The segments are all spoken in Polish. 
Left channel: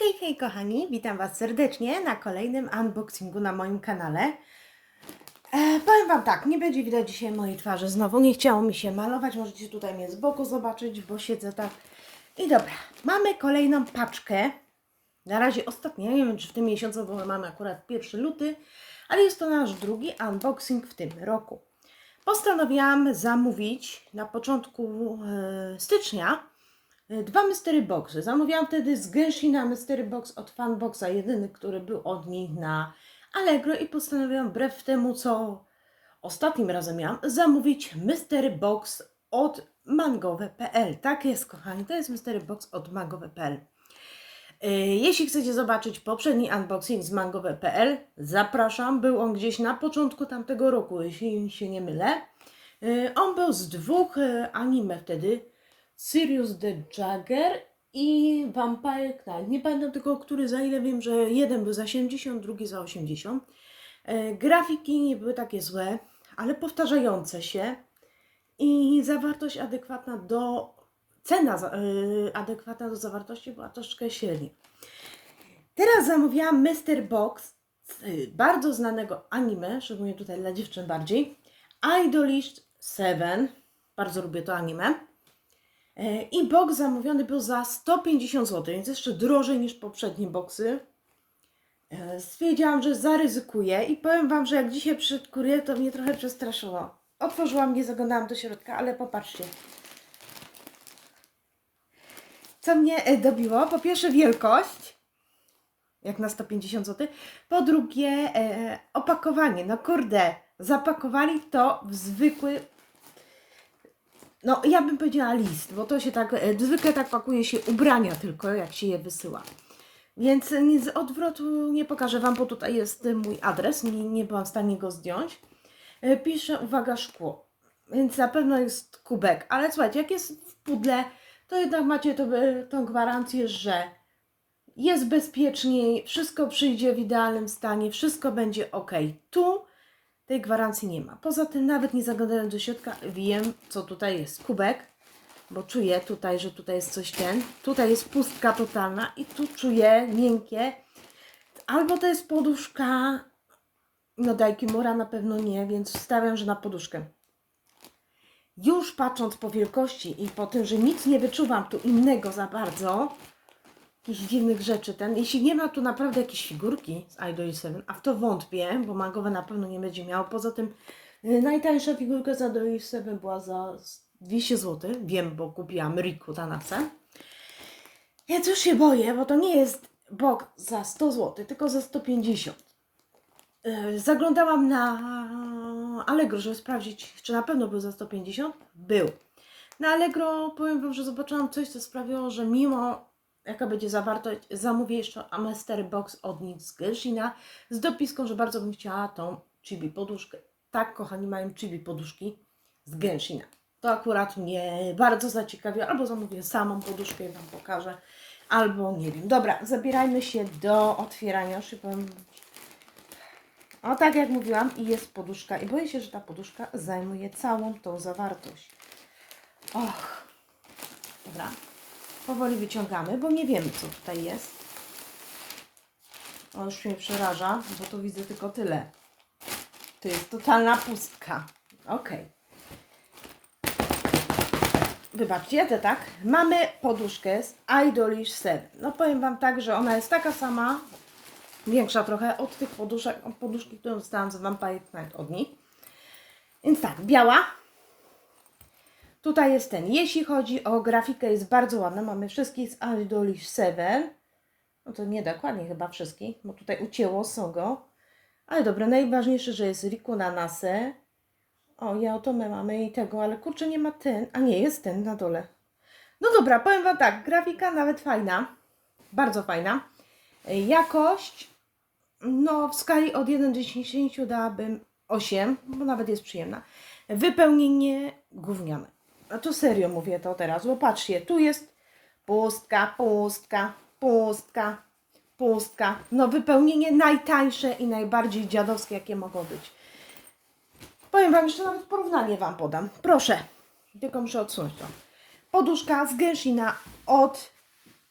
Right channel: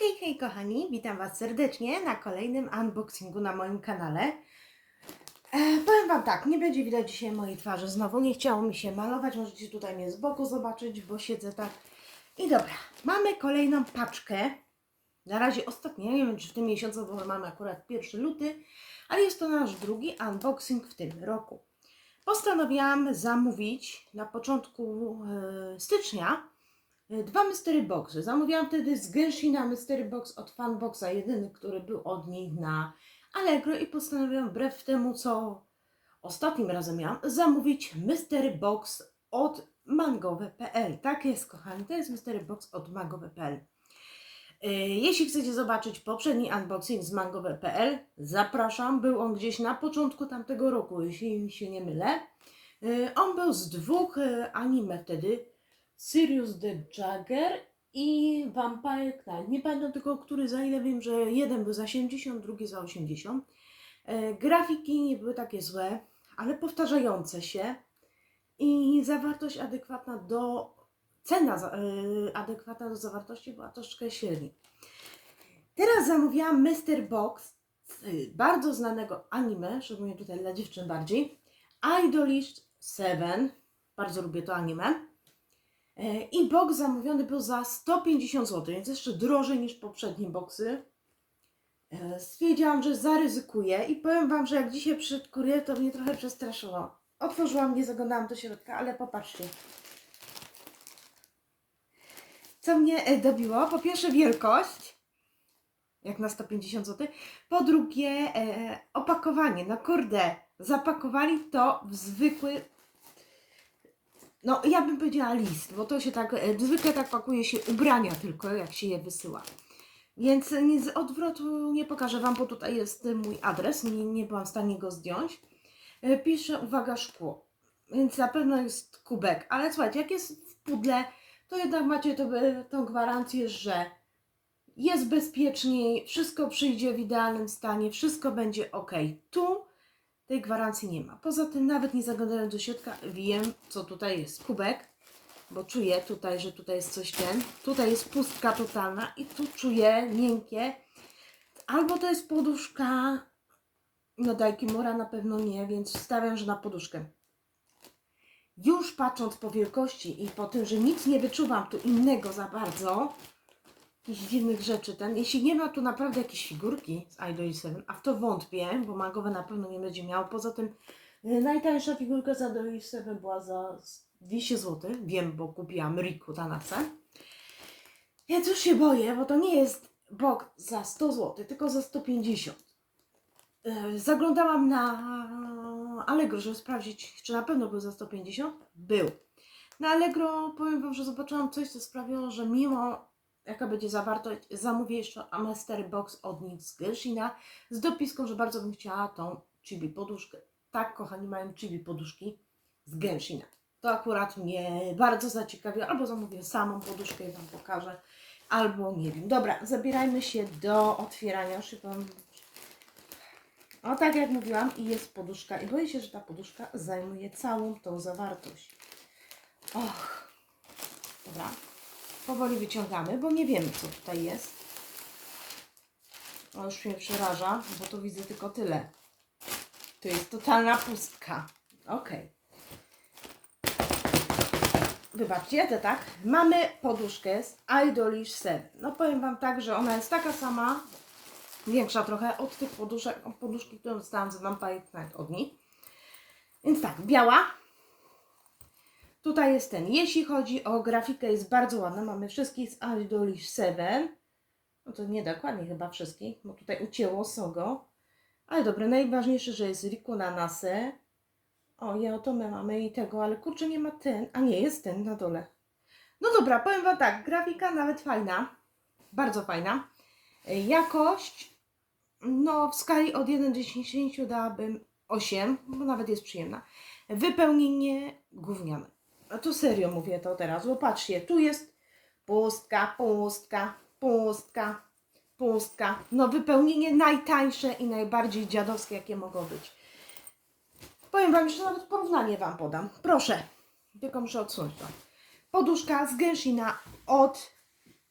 Hej, hej kochani, witam Was serdecznie na kolejnym unboxingu na moim kanale. E, powiem Wam tak, nie będzie widać dzisiaj mojej twarzy znowu, nie chciało mi się malować, możecie tutaj mnie z boku zobaczyć, bo siedzę tak. I dobra, mamy kolejną paczkę, na razie ostatnia, nie wiem czy w tym miesiącu, bo mamy akurat 1 luty, ale jest to nasz drugi unboxing w tym roku. Postanowiłam zamówić na początku e, stycznia dwa mystery boxy. Zamówiłam wtedy z Genshina mystery box od Funboxa, jedyny, który był od nich na Allegro i postanowiłam wbrew temu, co ostatnim razem miałam, zamówić mystery box od mangowe.pl. Tak jest, kochani, to jest mystery box od mangowe.pl. E, Jeśli chcecie zobaczyć poprzedni unboxing z mangowe.pl, zapraszam. Był on gdzieś na początku tamtego roku, jeśli się nie mylę. E, On był z dwóch e, anime wtedy. Sirius the Jagger i Vampire Knight. Nie pamiętam tylko, który za ile wiem, że jeden był za 70, drugi za 80. E, Grafiki nie były takie złe, ale powtarzające się i zawartość adekwatna do cena y, adekwatna do zawartości była troszkę średnia. Teraz zamówiłam Mr. Box y, bardzo znanego anime, szczególnie tutaj dla dziewczyn bardziej. Idolish 7. Bardzo lubię to anime. E, I box zamówiony był za 150 zł, więc jeszcze drożej niż poprzednie boxy. E, Stwierdziłam, że zaryzykuję i powiem Wam, że jak dzisiaj przyszedł kurier, to mnie trochę przestraszyło. Otworzyłam, nie zaglądałam do środka, ale popatrzcie. Co mnie e, dobiło? Po pierwsze wielkość, jak na 150 zł. Po drugie opakowanie. No kurde, zapakowali to w zwykły, no ja bym powiedziała list, bo to się tak, e, zwykle tak pakuje się ubrania tylko, jak się je wysyła. Więc nic z odwrotu nie pokażę Wam, bo tutaj jest mój adres, nie, nie byłam w stanie go zdjąć. E, Piszę, uwaga, szkło, więc na pewno jest kubek, ale słuchajcie, jak jest w pudle, to jednak macie to, e, tą gwarancję, że jest bezpieczniej, wszystko przyjdzie w idealnym stanie, wszystko będzie ok. Tu tej gwarancji nie ma. Poza tym, nawet nie zaglądając do środka, wiem, co tutaj jest. Kubek, bo czuję tutaj, że tutaj jest coś ten. Tutaj jest pustka totalna i tu czuję miękkie. Albo to jest poduszka, no mura na pewno nie, więc stawiam, że na poduszkę. Już patrząc po wielkości i po tym, że nic nie wyczuwam tu innego za bardzo, jakichś dziwnych rzeczy ten. Jeśli nie ma tu naprawdę jakieś figurki z Idol 7, a w to wątpię, bo magowe na pewno nie będzie miało. Poza tym y, najtańsza figurka z Idol 7 była za 200 zł. Wiem, bo kupiłam Riku Tanase. Więc już się boję, bo to nie jest bok za 100 zł, tylko za 150. Y, Zaglądałam na Allegro, żeby sprawdzić, czy na pewno był za 150. Był. Na Allegro powiem Wam, że zobaczyłam coś, co sprawiło, że mimo jaka będzie zawartość, zamówię jeszcze Amestery Box od nich z Genshina z dopiską, że bardzo bym chciała tą chibi poduszkę. Tak, kochani, mają chibi poduszki z Genshina. To akurat mnie bardzo zaciekawiło. Albo zamówię samą poduszkę i Wam pokażę, albo nie wiem. Dobra, zabierajmy się do otwierania. Szybko. O, tak jak mówiłam, i jest poduszka. I boję się, że ta poduszka zajmuje całą tą zawartość. Och. Dobra. Powoli wyciągamy, bo nie wiemy, co tutaj jest. O, już mnie przeraża, bo tu widzę tylko tyle. To jest totalna pustka. Okej. Wybaczcie, to tak. Mamy poduszkę z Idolish 7. No powiem Wam tak, że ona jest taka sama, większa trochę od tych poduszek, od poduszki, którą dostałam z Vampire Knight od nich. Więc tak, biała, Tutaj jest ten. Jeśli chodzi o grafikę, jest bardzo ładna. Mamy wszystkich z Idolish 7. No to nie dokładnie chyba wszystkich, bo tutaj ucięło Sogo. Ale dobra, najważniejsze, że jest Riku Nanase. O, ja o to my mamy i tego, ale kurczę, nie ma ten. A nie, jest ten na dole. No dobra, powiem Wam tak, grafika nawet fajna. Bardzo fajna. E, Jakość, no w skali od 1 do 10 dałabym 8, bo nawet jest przyjemna. Wypełnienie gówniane. A to serio mówię to teraz, bo patrzcie, tu jest pustka, pustka, pustka, pustka. No wypełnienie najtańsze i najbardziej dziadowskie, jakie mogą być. Powiem Wam, jeszcze nawet porównanie Wam podam. Proszę, tylko muszę odsunąć to. Poduszka z Genshina od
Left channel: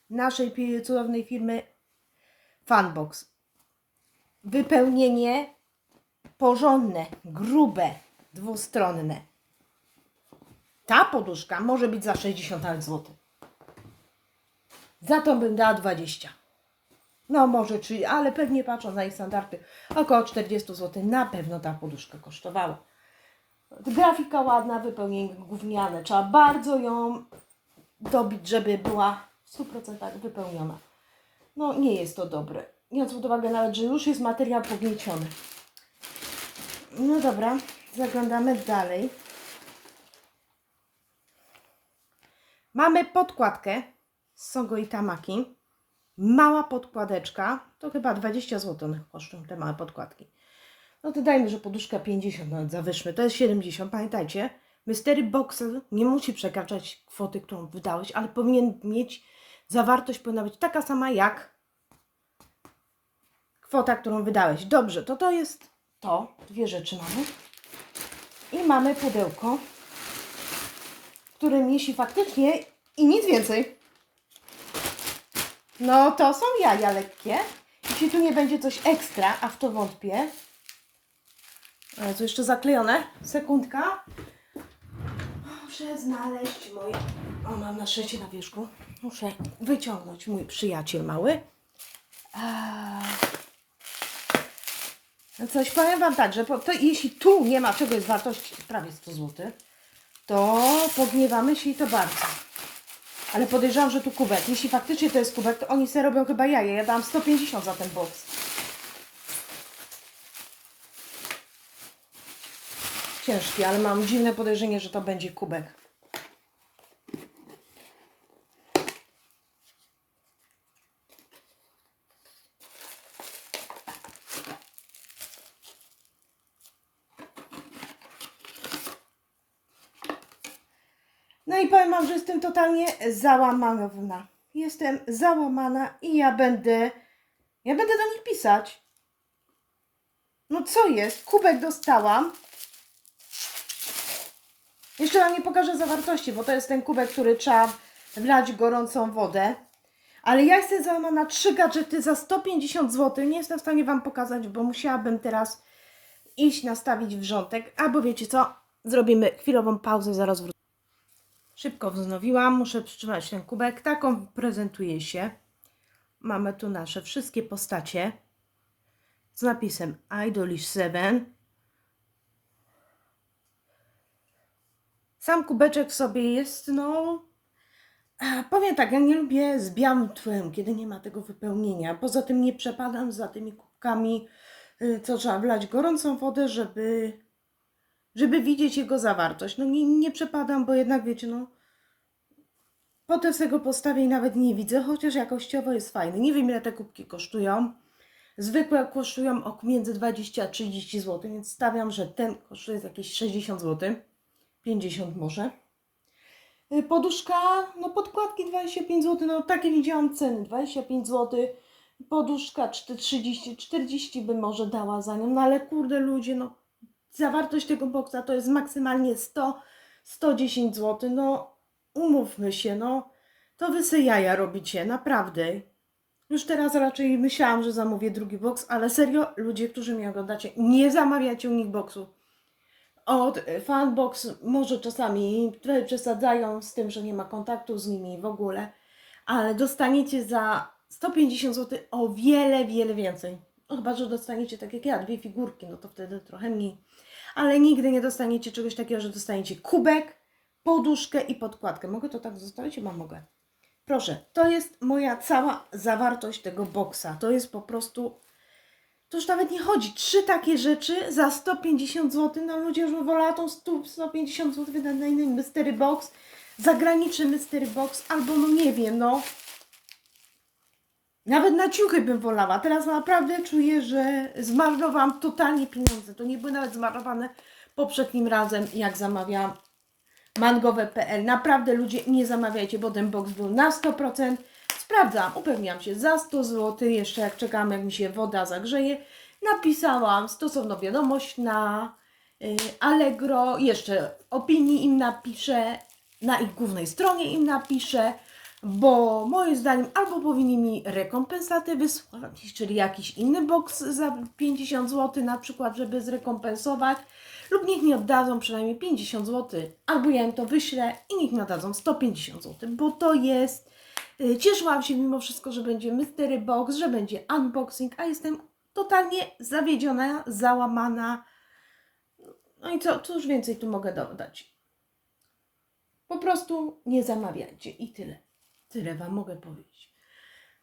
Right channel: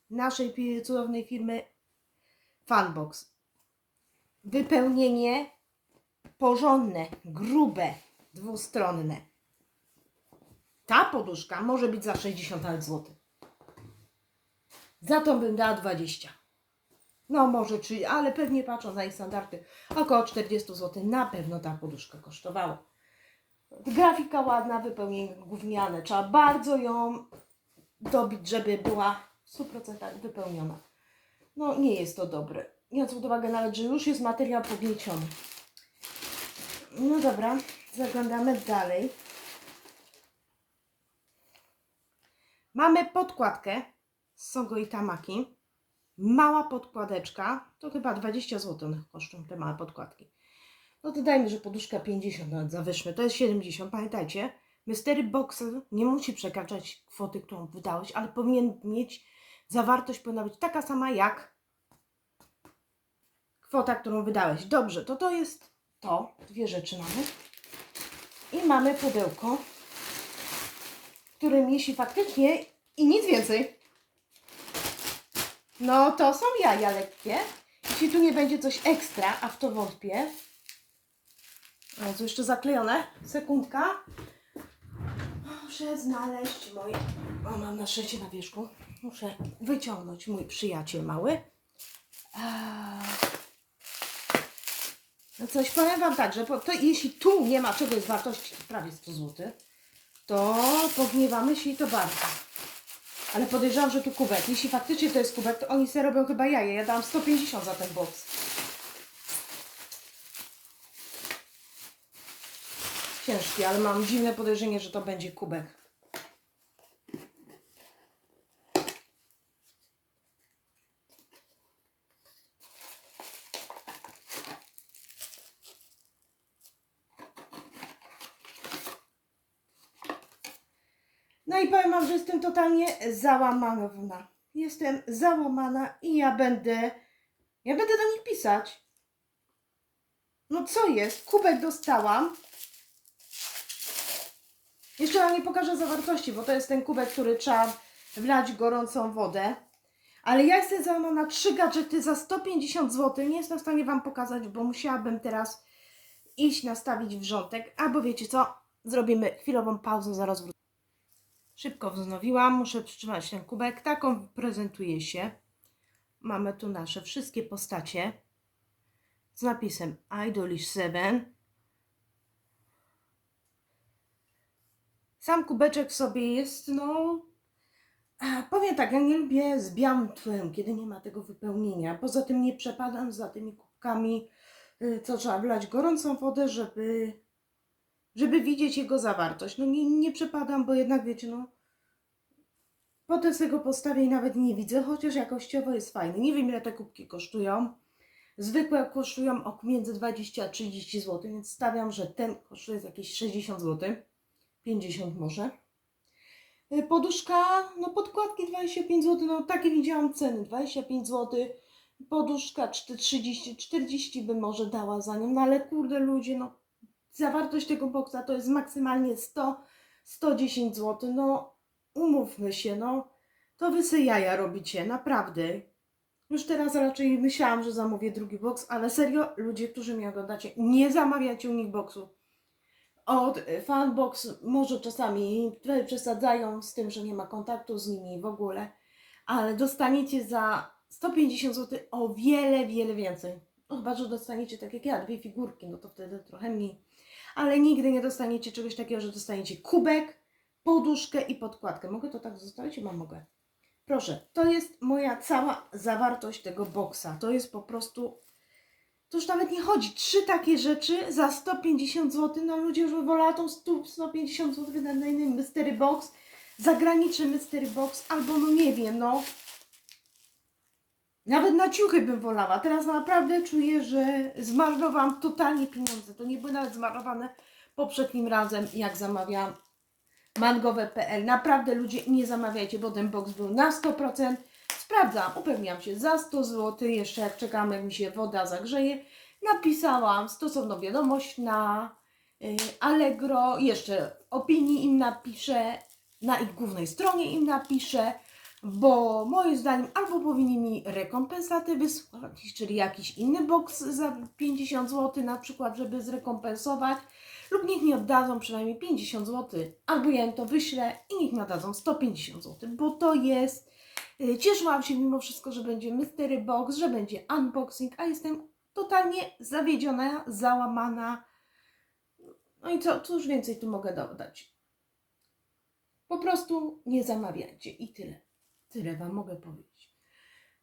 naszej cudownej firmy Funbox. Wypełnienie porządne, grube, dwustronne. Ta poduszka może być za 60 nawet zł. Za to bym dała 20. No może 3, ale pewnie patrząc na ich standardy, około 40 zł na pewno ta poduszka kosztowała. Grafika ładna, wypełnienie gówniane. Trzeba bardzo ją dobić, żeby była w 100% wypełniona. No nie jest to dobre. Biorąc pod uwagę nawet, że już jest materiał pognieciony. No dobra, zaglądamy dalej. Mamy podkładkę z Sogo i Tamaki. Mała podkładeczka, to chyba 20 zł kosztują te małe podkładki. No to dajmy, że poduszka 50 nawet zawyżmy, to jest 70. Pamiętajcie, Mystery Boxer nie musi przekraczać kwoty, którą wydałeś, ale powinien mieć, zawartość powinna być taka sama jak kwota, którą wydałeś. Dobrze, to to jest to. Dwie rzeczy mamy. I mamy pudełko, w którym jeśli faktycznie i nic więcej, no to są jaja lekkie. Jeśli tu nie będzie coś ekstra, a w to wątpię. O, tu jeszcze zaklejone. Sekundka. Muszę znaleźć moje... O, mam na szczęście na wierzchu. Muszę wyciągnąć mój przyjaciel mały. A... Coś powiem Wam tak, że po, to, jeśli tu nie ma czegoś wartości prawie 100 zł, to pogniewamy się i to bardzo. Ale podejrzewam, że tu kubek. Jeśli faktycznie to jest kubek, to oni sobie robią chyba jaje. Ja dam 150 za ten box. Ciężki, ale mam dziwne podejrzenie, że to będzie kubek. No i powiem Wam, że jestem totalnie załamana. Jestem załamana i ja będę, ja będę do nich pisać. No co jest? Kubek dostałam. Jeszcze Wam nie pokażę zawartości, bo to jest ten kubek, który trzeba wlać gorącą wodę. Ale ja jestem załamana trzy gadżety za 150 zł. Nie jestem w stanie Wam pokazać, bo musiałabym teraz iść nastawić wrzątek. Albo wiecie co? Zrobimy chwilową pauzę, zaraz wrócę. Szybko wznowiłam, muszę przytrzymać ten kubek. Taką prezentuje się. Mamy tu nasze wszystkie postacie z napisem Idolish 7. Sam kubeczek sobie jest, no. Powiem tak, ja nie lubię z białym tłem, kiedy nie ma tego wypełnienia. Poza tym nie przepadam za tymi kubkami, y, co trzeba wlać gorącą wodę, żeby żeby widzieć jego zawartość. No nie, nie przepadam, bo jednak wiecie, no potem sobie go postawię i nawet nie widzę, chociaż jakościowo jest fajny. Nie wiem ile te kubki kosztują. Zwykłe kosztują ok między 20 a 30 zł, więc stawiam, że ten kosztuje jakieś 60 zł. 50 może. Y, Poduszka, no podkładki 25 zł, no takie widziałam ceny, 25 zł. Poduszka 30, 40 bym może dała za nią, no ale kurde ludzie, no zawartość tego boksa to jest maksymalnie 100, 110 zł. No, umówmy się, no, to wy se jaja robicie, naprawdę. Już teraz raczej myślałam, że zamówię drugi boks, ale serio, ludzie, którzy mnie oglądacie, nie zamawiacie u nich boksu. Od y, fanbox może czasami trochę przesadzają z tym, że nie ma kontaktu z nimi w ogóle, ale dostaniecie za 150 zł o wiele, wiele więcej. No, chyba, że dostaniecie tak jak ja, dwie figurki, no to wtedy trochę mniej. Ale nigdy nie dostaniecie czegoś takiego, że dostaniecie kubek, poduszkę i podkładkę. Mogę to tak zostawić? Chyba mogę. Proszę, to jest moja cała zawartość tego boksa. To jest po prostu. To już nawet nie chodzi. Trzy takie rzeczy za 150 zł. No ludzie już wolała tą 100, 150 zł wydać na inny mystery box, zagraniczny mystery box, albo no nie wiem, no. Nawet na ciuchy bym wolała. Teraz naprawdę czuję, że zmarnowałam totalnie pieniądze. To nie były nawet zmarnowane poprzednim razem, jak zamawiałam mangowe.pl. Naprawdę ludzie nie zamawiajcie, bo ten box był na 100%. Sprawdzam, upewniam się za 100 zł. Jeszcze jak czekam, jak mi się woda zagrzeje, napisałam stosowną wiadomość na y, Allegro. Jeszcze opinii im napiszę, na ich głównej stronie im napiszę. Bo moim zdaniem albo powinni mi rekompensatę wysłać, czyli jakiś inny box za 50 zł na przykład, żeby zrekompensować, lub niech mi oddadzą przynajmniej 50 zł, albo ja im to wyślę i niech mi oddadzą 150 zł, bo to jest... y, Cieszyłam się mimo wszystko, że będzie mystery box, że będzie unboxing, a jestem totalnie zawiedziona, załamana. No i co, cóż więcej tu mogę dodać? Po prostu nie zamawiajcie i tyle. Tyle Wam mogę powiedzieć.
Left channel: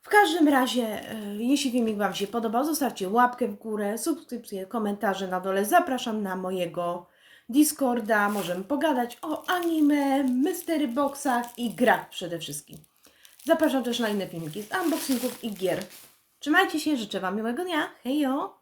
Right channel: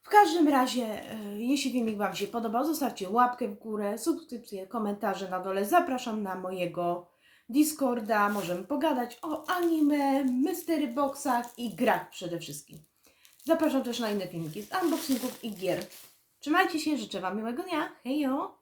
W każdym razie, e, jeśli filmik Wam się podobał, zostawcie łapkę w górę, subskrypcję, komentarze na dole. Zapraszam na mojego Discorda. Możemy pogadać o anime, mystery boxach i grach przede wszystkim. Zapraszam też na inne filmiki z unboxingów i gier. Trzymajcie się, życzę Wam miłego dnia. Hejo!